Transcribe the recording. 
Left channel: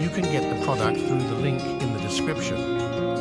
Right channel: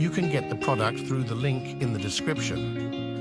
You can get the product through the link in the description.